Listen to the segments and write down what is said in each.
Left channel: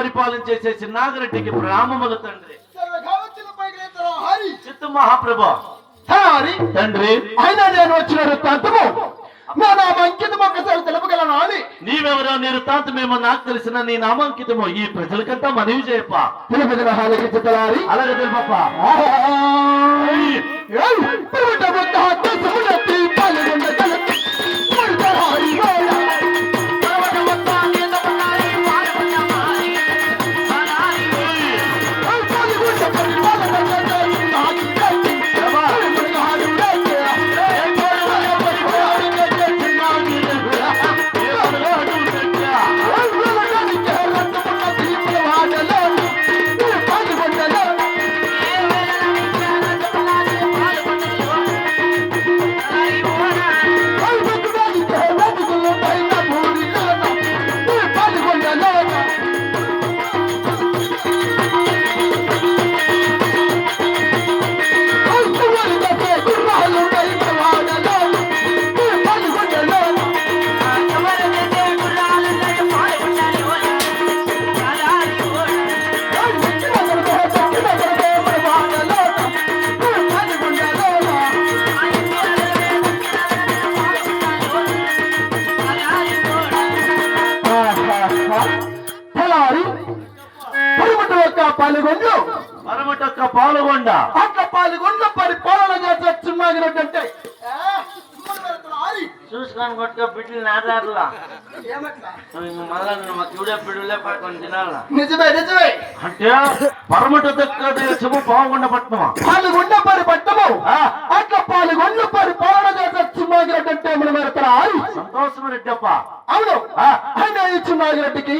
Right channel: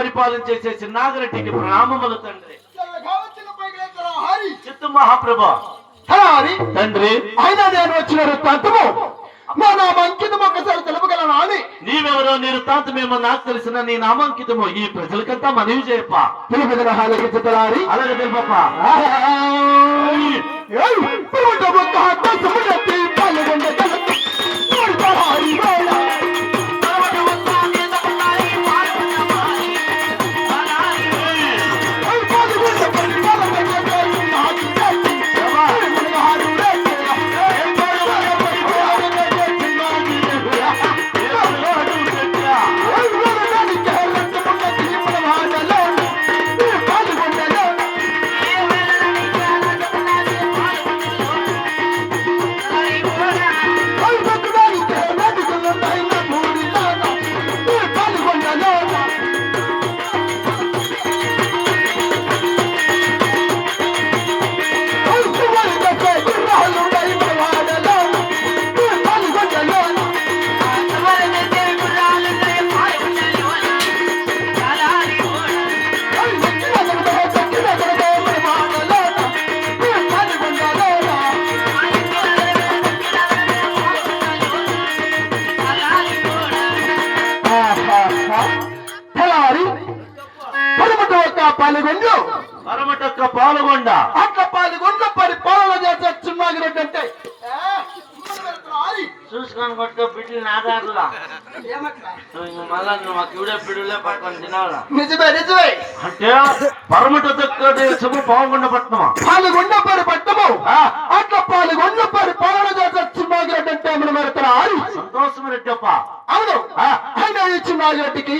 పరిపాలన చేసే చిన్నాగరెడ్డికి ప్రణామములు తండ్రి. చిత్తు మహాప్రభు తండ్రి అయినా నేను వచ్చిన వృత్తాంతము నా నామాంకితము ఒకసారి తెలుపగలను అని. నీవెవరో నీ వృత్తాంతమేమో నాకు తెలిసిన నీ నామాంకితము ఈ ప్రజలకంతా మనవి చేయప్ప. తెలుపగల హాలకించలారి అలాగే తెలుపప్ప. పాల్గొండ అట్లా పాల్గొండ పరిపాలన చేసే చిన్నాగినట్టే చూసుకొని కొట్టుకో బిడ్డలు నాదారులా మళ్ళా మాకు ఇవిడే పిడులే పట్టుకొని తినాలా. నిజమే నిజమే అంటే పరమట దేశము పాల్గొండ పట్టణమా? పాల్గొండ పరి పట్టము అట్లా పాల్గొండ పరిపాలన చేసే చిన్నాగినట్టే మనం పెడతారు. సంతోషం రెడ్డప్ప. అవును ఇంకా ఈ చిన్నాగిరెడ్డికి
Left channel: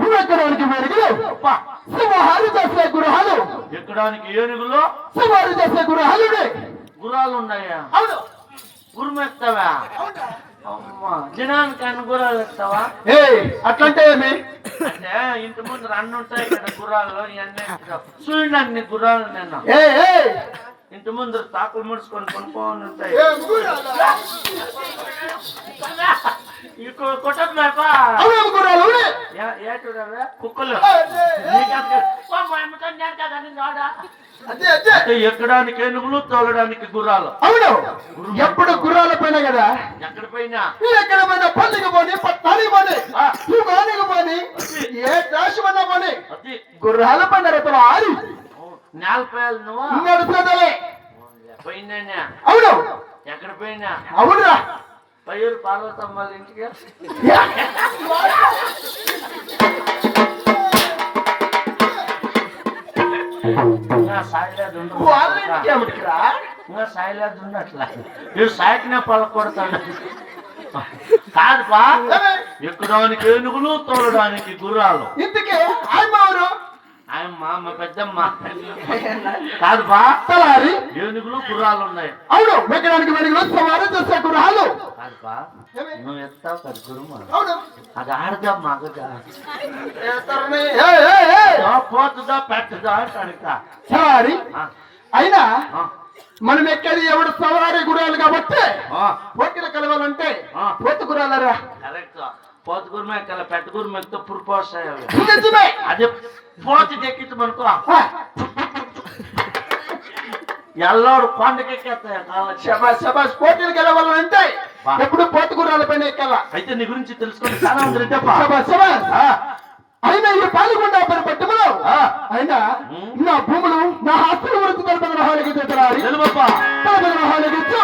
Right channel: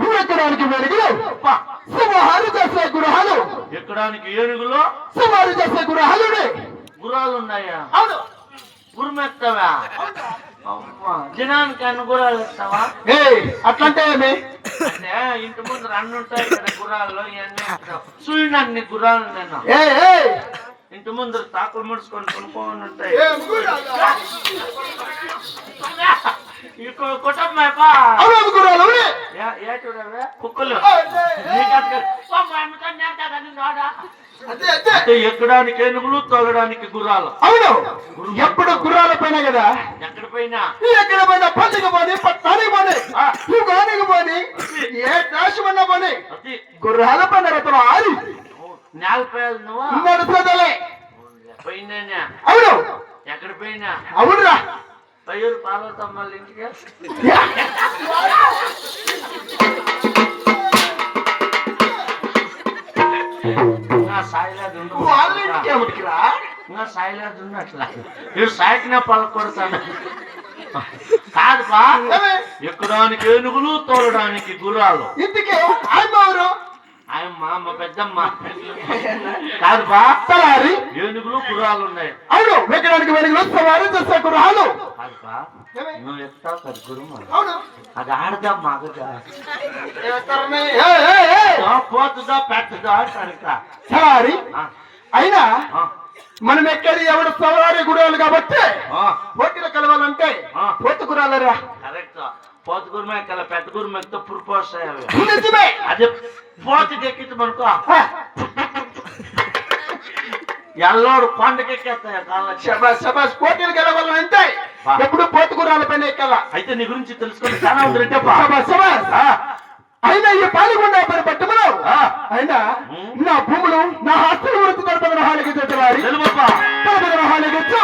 నువ్వు ఎక్కడానికి వెలుగులు సుమారు చేసే గృహాలు ఎక్కడానికి ఏనుగులు సుమారు చేసే గృహాలు గుర్రాలు ఉన్నాయా? అవును గుర్రమెత్తావా? అమ్మా జనానికి అన్ని గుర్రాలు ఎత్తావా? అట్లంటే ఏమి అంటే ఇంటి ముందు అన్ని ఉంటాయి కదా గుర్రాలు. ఇవన్నీ చూడండి అన్ని గుర్రాలు నేను ఇంటి ముందు తాకులు ముడుచుకొని కొనుక్కొని ఉంటాయి. కుక్కలు ఎక్కడానికి ఏనుగులు తోలడానికి గుర్రాలు. అవును ఎప్పుడు గుర్రాల పైన కదా. ఎక్కడ పైన ఎక్కడ పైన పల్లికి పోని పట్టానికి పోని యుగానికి పోని ఏ దేశమన్నా పోని గుర్రాల పైన రతలు ఆరి నేలపేయాలి నువ్వు నడుపుదలే పోయినా. అవును ఎక్కడ పోయినా అవునురా పయ్యూరు పార్వతమ్మ వాళ్ళ ఇంటికి సాయిలాదు అట్లా ఇవి సాయికినా పలకొడతాడు కాదుపా. ఎక్కడానికి ఏనుగులు తోలడానికి గుర్రాలు. ఇంటికి ఆయమ్మవారు ఆయమ్మ మా పెద్దమ్మ కాదుపా. ఏనుగులు గుర్రాలు ఉన్నాయి. అవును ఎక్కడానికి వెలుగులు సవారు చేసే గుర్రాలు కాదుపా. నువ్వు ఎత్తావు కదా గురువు అవును అది ఆడదా మగదా పోతుందా పెద్దదా కనుక సారీ అయినా మనం ఎక్కడి ఎవడు సవారీ గుర్రాలు కాబట్టి పోటీలు కలవాలంటే పోతు గుర్రాలరా. కరెక్ట్ పోతు గురుమే కల పెద్ద గురువు ఎక్కితే పురుపోస్తాయి అవి. నిజమే అదే పోతు ఎక్కించమనుకో ఎల్లోడు కొండకెక్కేస్తాయి కాళ్ళకి. శబాష్ పోటీలు గెలవాలంటే ఎప్పుడు పోతు గుర్రాల పైన ఎక్కాల. అయితే నీ గురించి తెలుసుకొని చాలా ఉంటుంది. అయినా ఈ పాల్గొండ పని పట్టమను అయినా నా భూములు నా ఆస్తులు వృత్తి తరపున హానికి హానికిచ్చు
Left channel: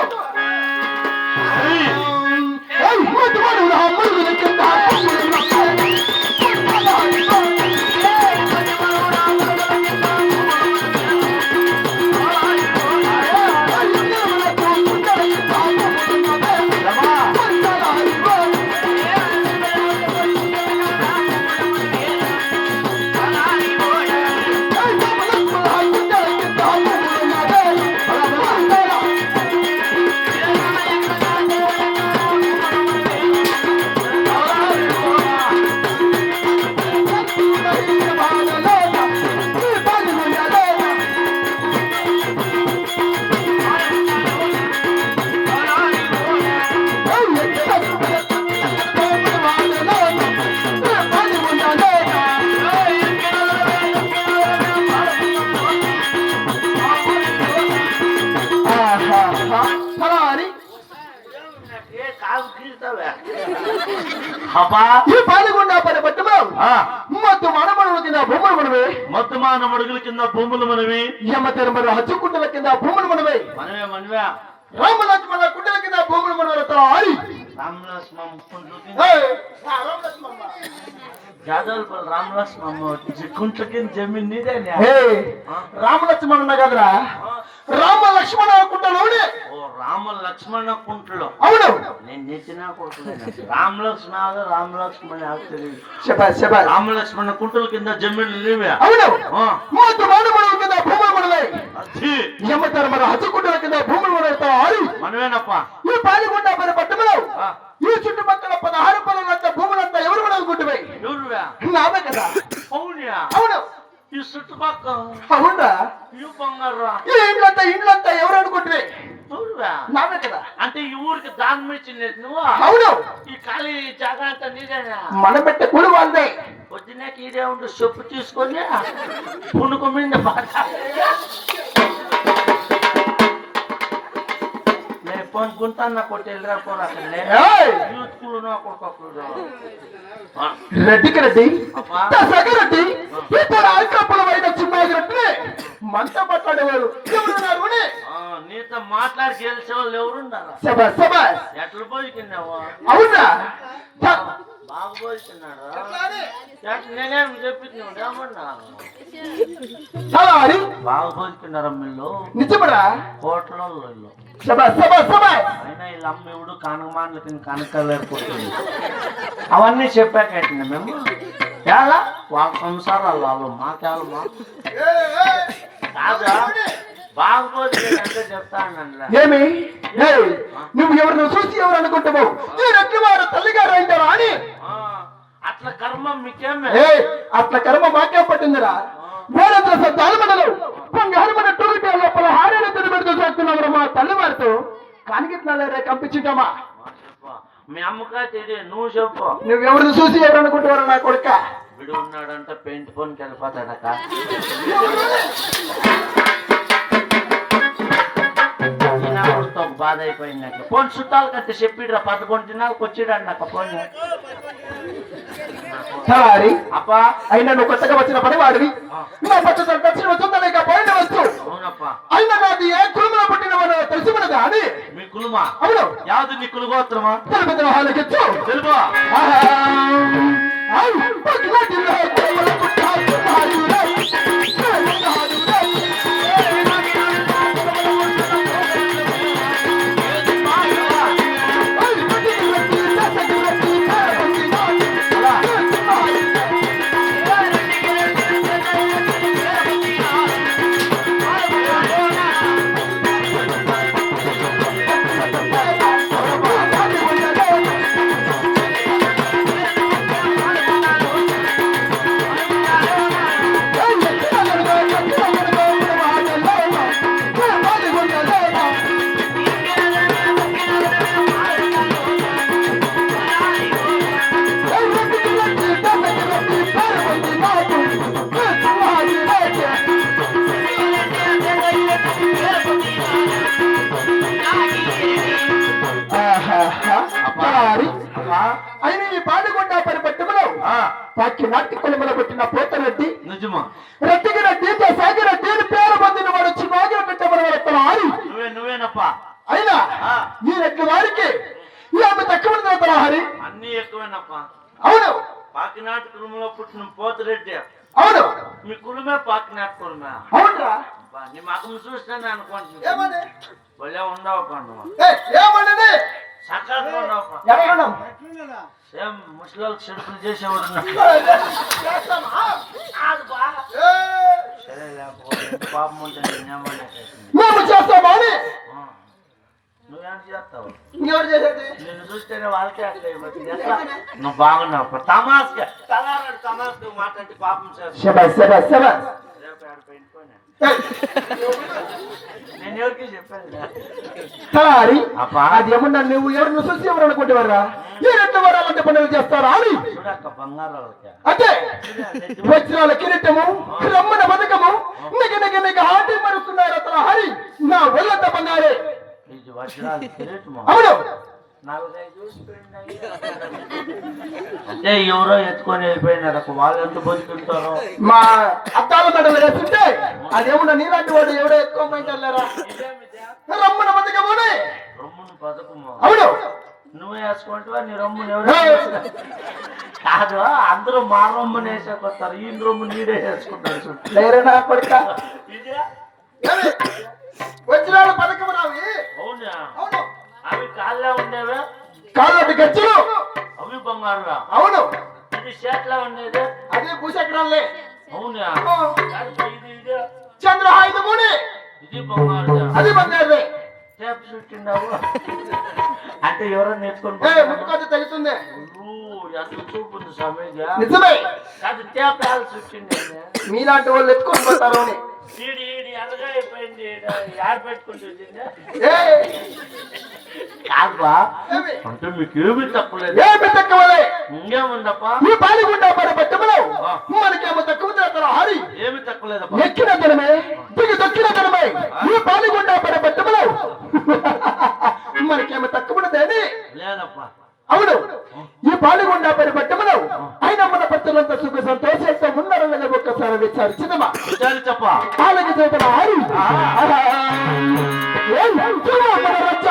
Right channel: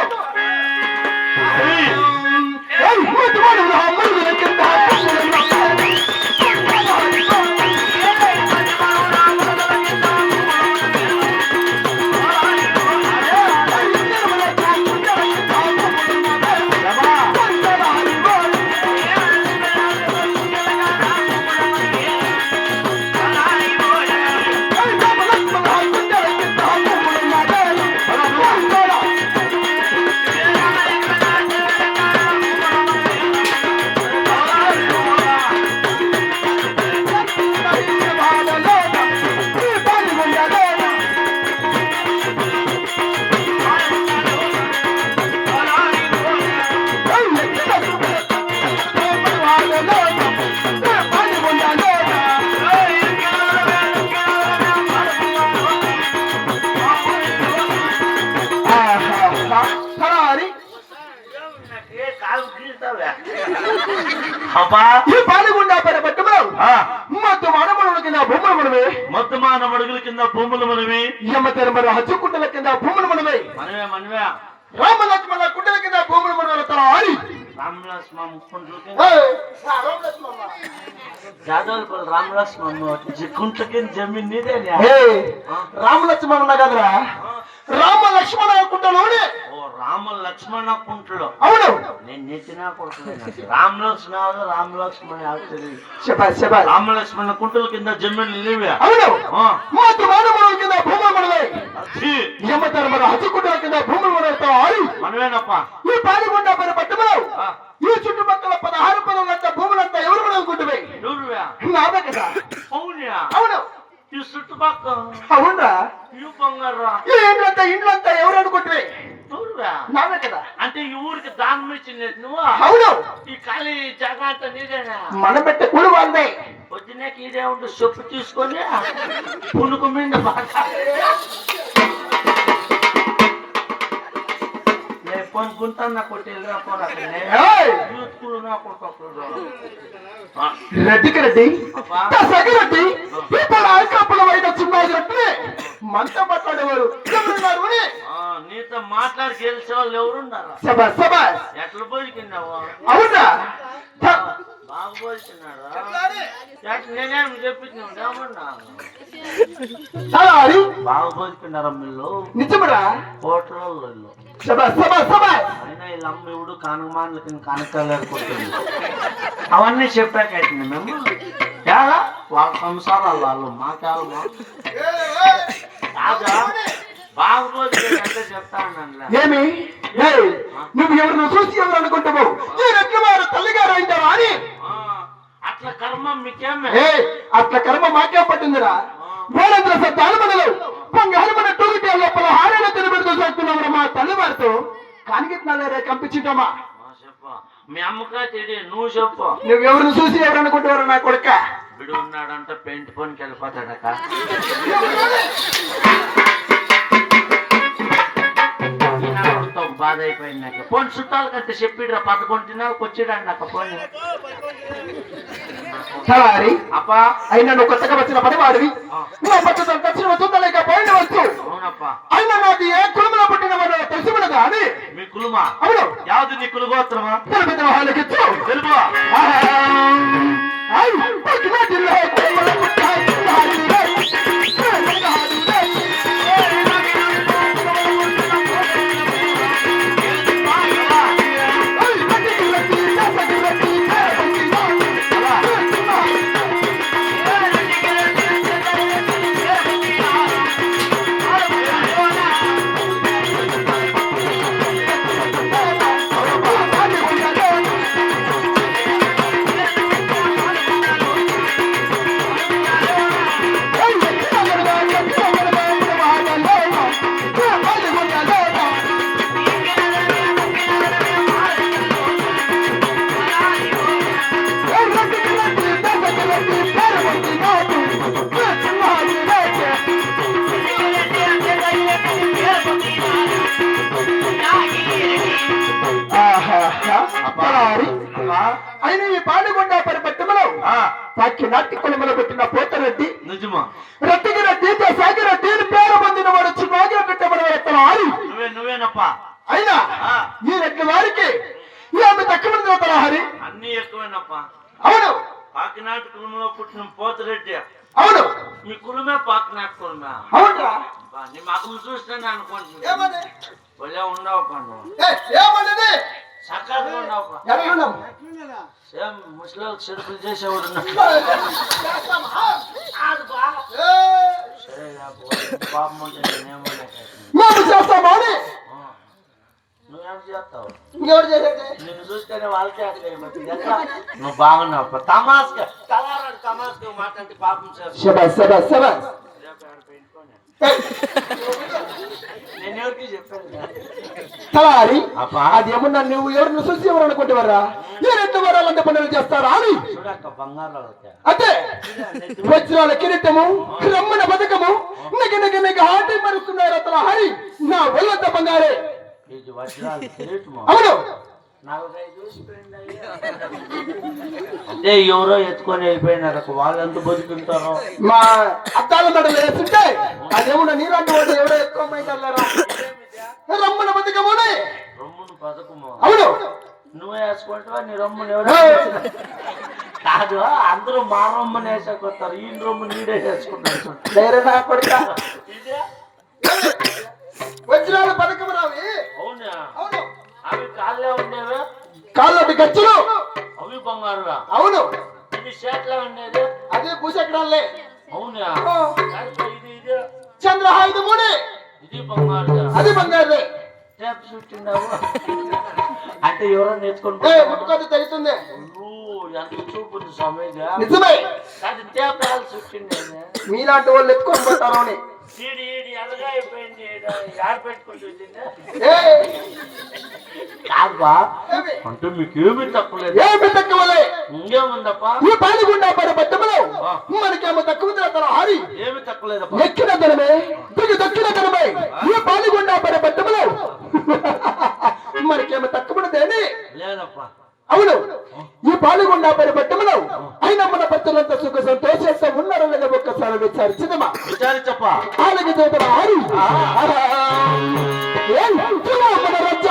అబ్బా ఈ పాల్గొండ పని పట్టము మొత్తం మానవుల కింద భూములు మనమే మొత్తం మానవుడుగుల కింద భూములు మనవి ఎమ్మ తెరమర హచ్చుకుంటల కింద భూములు మనమే మనవే మనవే రామ లక్ష్మణ కుంటల కింద భూములు మనవలతో ఆడి రామలక్ష్మణ ఏయ్, జాదవల్పల్ రామలక్ష్మణ కుంటకి జమీన్ నీదేనే ఏయ్, రామ లక్ష్మణ ఉన్నా కదరా రామ లక్ష్మణ కుంటలోనే ఓ రామ లక్ష్మణ కుంటలో అవును నేను నెట్టినా కొడుకులేను రామలక్ష్మణ చెప్పా రామలక్ష్మణ కుంటల కింద జమీన్ నీవే అవును ఆ, మొత్తం మానవుల కింద భూములు మనమే అది ఎమ్మ తెరమర హచ్చుకుంటల కింద భూములు మనవలతో ఆడి మనవేనప్ప ఈ పాల్గొండ పని పట్టములో ఆ, ఈ చుట్టుపక్కల 16 పనులంతా భూములంతా ఎవరు మనకుంటువే ఎవరువే నావే కదా అవునా అవును ఈ చుట్టుపక్కల అవునరా ఈ బంగారా ఈ ఇండ్లంతా ఎవరు అనుకుంటువే ఎవరువే నావే కదా అంటే ఈ ఊరికి దానం ఇచ్చింది నువ్వు అవును ఈ ఖాళీ జాగా అంతా నీదేనా మన పెట్టే కూలి వాళ్ళదే పొద్దునే ఇదే ఉండి చెప్పు తీసుకొని పుణుకు మీద బాగా నేను కొనుక్కుంటాను కొట్టేళ్ళరా పోను అక్కడ ఏయ్! రెడ్డికి రెడ్డి సగరెడ్డి ఇప్పుడు అల్కాపుల వైన చిమ్మాయి రెడ్డి మంట పట్లాడేవారు ఎవరున్నారు అని? నీతో మాట్లాడి గెలిచే వాళ్ళు ఎవరున్నారా శబాష్ శబాష్ ఎట్లా పోలికిన్నావు అవునా బాగా పోలికిన్నారా నేనేం చెప్పింది ఏమన్నా చాలా అని బాగా పోలికిన్నారా మీరు నిజమరా హోటల్లో ఇల్లు శబాష్ శబాష్ శబాష్ అయినా వీళ్ళ అమ్మ ఇవుడు కానకమానల కింద కనకలేరుకుంటుంది అవన్నీ చెప్పాకైతుంది మేము చాలా వాళ్ళ సంసారాలు వాళ్ళు మాకేళ్ళు కాదా బాగోదు అంటే చెప్తాను ఏమి ఏయ్, నువ్వు ఎవరిని చూసి ఎవరు అనుకుంటావు ఈ రెడ్డి వారు తల్లిగారు అంటారా అని అట్లా కర్మ మీకేమే ఏయ్, అట్ల కర్మ మాకే పట్టిందిరా వేరంద్ర సత్యాలమనలు పంగాలమన టూరిటే లోపల హారాలు తినబెడుతూ చేస్తున్నావు మా తల్లివారితో కానిగిట్నాలేరా కంపించుంటామా చెప్పు మీ అమ్మకా తెలియ నువ్వు చెప్పు నువ్వెవరిని చూసి ఎవరు అనుకుంటున్నారు నా కొడుక బిడు ఉన్నాడంటే పెయింట్ పోనికి వెళ్ళిపోతాడక బాధ అయిపోయింది నాకు పోనీ చుట్టాలు కంటే చెప్పిడ్రా 11 దినాలకు వచ్చిడాడు నాకు పోనీ సరే అప్పా అయినా నువ్వు కొత్తగా వచ్చిన పనివాడివి నా పట్టుదల దక్షిణ చూడలేక పోయిన వచ్చు అవునప్పా అయినా నాది ఏ కులంలో పుట్టిన వాడు తెలిసి ఉన్నదా అని మీ కులమా అవును యావది నీ కులగోత్రమా తెలుపు హాలకిచ్చు తెలుపు అయిన ఈ పాడుగొండ పరిపట్టములో సాక్షి నాటి కులములో పుట్టిన పోతరెడ్డి నిజమా రెడ్డికి రెడ్డి సాగిరెడ్డి అని పేరు పొందిన వాడు చిన్నగిరెడ్డి నువ్వేనప్పా అయినా ఈ రెడ్డి వారికి ఈ ఆమె తక్కువ హరి అన్ని ఎక్కువేనప్పా అవును పాకినాటి కులంలో పుట్టిన పోతిరెడ్డి అవును మీ కులమే పాకినాటి కులమే అవునరా నీ మగం చూస్తాను అనుకుంటున్నా ఏమని భలే ఉండవు పండు ఏమన్నది చక్కగా ఉండవు ఎరగడం సేమ్ ముసలికి చెడుపులు చేసేవాడు సరే లేకపోతే పాపం ఉంటే నేనేమన్నా మేము చేస్తామా అని నువ్వేం చేస్తావు ఇంకెవరు చేసేది నిన్ను చూస్తేనే వాళ్ళకే అట్లా నువ్వు బాగున్నావు తమాస్గా తమాస్గా మాట్లాడి పాపం చేస్తావు శబాష్ శబాష్ శబాష్ నేను ఎవరికి చెప్పాను తలారి అబ్బా అది ఏమన్నా నువ్వు ఎవరిని చూసి ఎవరు అనుకుంటేవారా ఏ రెండు వారాలంటే పనులు చేస్తారా అని చూడక్క బంగారు అంటే వజ్రాల కిరీటము రమ్మన పథకము నిగ హాటి మరుస్తున్నారు అతను హరి నా ఒళ్ళంత బంగారే ఇది వజ్రాలు కిరీటము అవును 4-5 ఊసిపోయింది అయ్యా. అంటే ఎవరో ఎత్తుకొని వెళ్ళిపోయినారు, వాళ్ళు ఎంత బతుకుంటారో. మా అద్దాల మెడలు వేస్తుంటే అదేమన్నా నీలాంటి వాడు ఎవడో ఎక్కువ పోయింటారా రమ్మన బతికమోనే రొమ్మును పథకము. అవును నువ్వు వేసుకుంటావా నీ రొమ్మును ఎవరు కాదు, అందరూ మా రొమ్మును వేసేకొస్తారు, ఈ రొమ్ము నీడే వేసుకుంటారు. లేరేనా కొడుక ఇదే వజ్రాల పథకము రావి. అవునా? అవును అవి కాళ్ళే ఉండేవే, కాళ్ళటి ఖర్చులు అవి బంగారురా. అవును ఇది షేట్లా ఉండేది, అదే భూచక్రాలే. అవునా? ఇది ఇది చంద్రహాయుధమునే ఇది బంగారు, అది బంగారుదే. టేప్ చుట్టిండావు అంటే ఎవరో నేర్చుకుంటా ముట్టుకోటి తగ్గుతుంది. ఎంత చూపు ఉంది సమయంగా. నిజమే అది టేప్ వేయాలి చుట్టింది. మీలాంటి వాళ్ళు ఎత్తుకొని పోతారు అని. ఈడి ఈడి ఎలాగా అయిపోయింది, యాడ పెట్టుకుంటుంది కాదుబా. అంటే మీకేమీ తక్కువలేదు. ఏమి తక్కువలే ఇంకేముందప్పా? ఈ పాలిగుండా పరపట్టములో మనకేమో తక్కువ చేస్తారు హరి. ఏమి తక్కువలేదప్పా. ఎక్కిన దినమే దిగి దొక్కిన దినమే ఈ పాలిగుండా పరపట్టములో మనకేమో తక్కువదేని లేదప్పా. అవును ఈ పాలిగుండా పరపట్టములో అయినా మన భక్తులంతా సుఖ సంతోషంతో ఉన్నారో లేదా ఒక్కసారి విచారించదమా? విచారించప్ప. పాలకి చేతుల హరి మన రచ్చ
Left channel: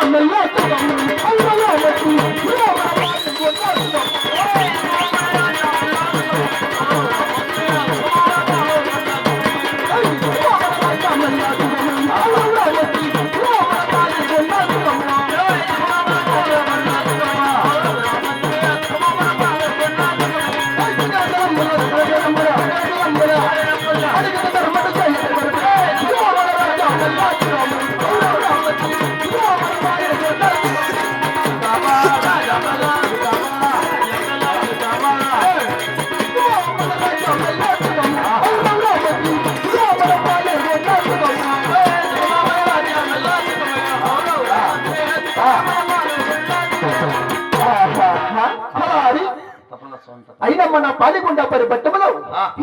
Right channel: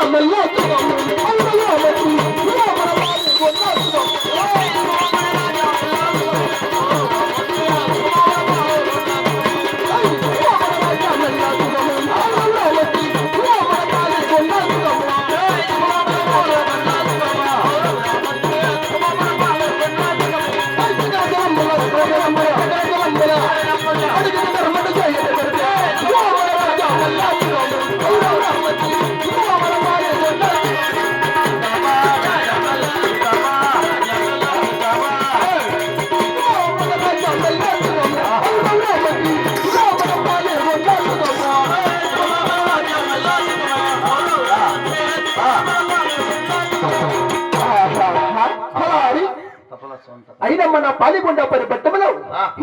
అయినా మన పాలిగుండా పరిపట్టములో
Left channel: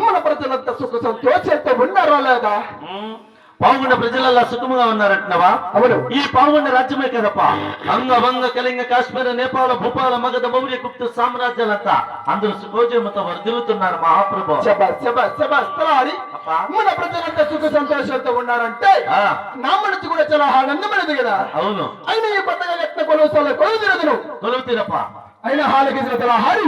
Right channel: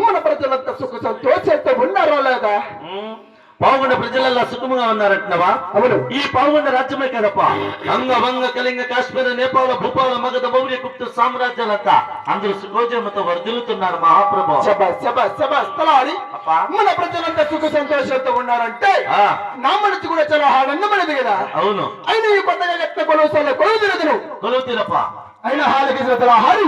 మన ప్రజలంతా సుఖ సంతోషంతో ఉన్నారో లేదా? పావుగుండ ప్రజలల్లా సుఖముగా ఉన్నారంటున్నావా? అవును ఈ పావుగుండ రాజ్యమే కదప్ప. అంగ వంగ కళింగ కాశ్మీర నేపాల భూపాల మగధ మౌర్య గుప్త సామ్రాజ్యాలంతా అందరూ సుఖోజముతో వర్ధిల్లుతున్నారు మహాప్రభు. మన ప్రజలంతా సుఖ సంతోషంతో ఉన్నారంటే నా మనసు కూడా చాలా ఆనందమైనది కదా. అవును అయినా ఈ కొత్తగా ఎట్ల కొలుస్తాలో కొలుతురు కొలువుతీరప్ప. అయినా హాలకి హరి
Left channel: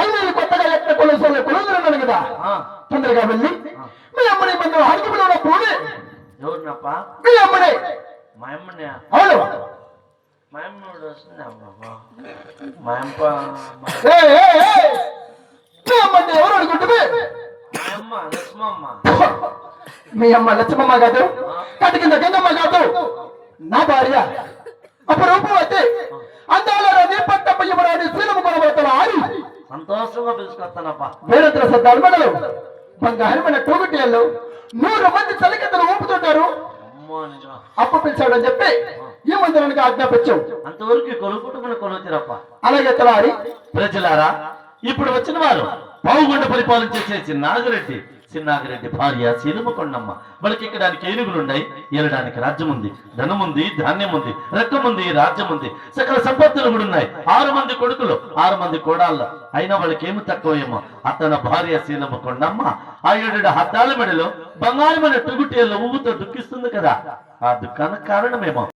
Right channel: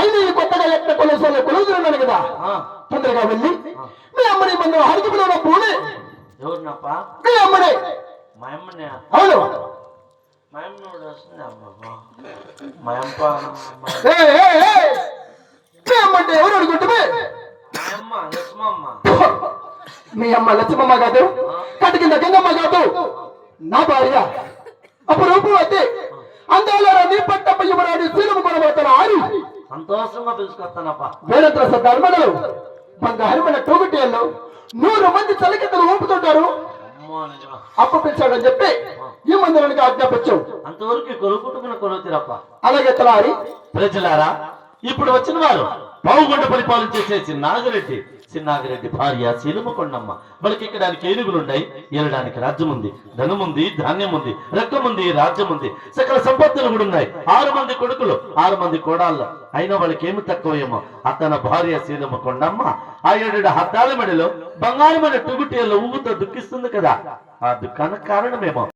అయినా ఈ కొత్తగా ఎట్ల కొలుస్తాలో కొలుతున్నాను కదా. తొందరగా వెళ్ళి మీ అమ్మని మన హరికి పిలవడం పోనీ. ఎవరినప్ప? మీ అమ్మనే. మా అమ్మనే? అవును మా అమ్మడు వస్తుంది అమ్మ. మా అమ్మ మీ అమ్మ అంటే ఎవరు అనుకుంటుంది? మా అమ్మ లక్ష్మమ్మ. మీ అమ్మ లక్ష్మమ్మ కాదు, కటి కింద గంగమ్మ కాదు, నా భార్య. అప్పుడు రూపవతి అందాలని పట్టప్ప యువరాని శీలము పడబోతున్న ఆరి సంతోషంగా పిలుచుకొస్తానప్ప. వేరంత్ర ధర్మలు బంగారమైన టోగుటియాల్లో 100 మంది చలికెత్తలు ఊపుతుంటారు. అప్పు పిలిచాడని చెప్పి ఈ మందిరానికి ఆజ్ఞాపించావు. అంతవరకు కొలుపుటమున కొలువుతీరప్ప. అలాగే తలారి ప్రజలారా, ఇప్పుడు వచ్చిన వారు పావుగుండ పరిపాలన చేసే చిన్నాగిరెడ్డి భార్య శీలమకొండమ్మ. వాళ్ళకి ఎక్కడానికి ఏనుగులున్నాయి, ఏలడానికి రాజ్యం ఉంది, ధనం ఉంది, ధాన్యం ఉంది, రక్తం ఉంది, రాజ్యం ఉంది, సకల సంపత్తులు కూడా ఉన్నాయి. 6 మంది కొడుకులు, 6 మంది కోడాళ్ళు. అయినా వాళ్ళకి ఏమి తక్కువేమో. అతని భార్య శీలమకొండమ్మ ఆ 7 హద్దాల మెడలో బంగారమైన తుగుటేళ్ళ ఊగుతో దుఃఖిస్తుంది కదా. ఆ దుఃఖానికి కారణమేమో.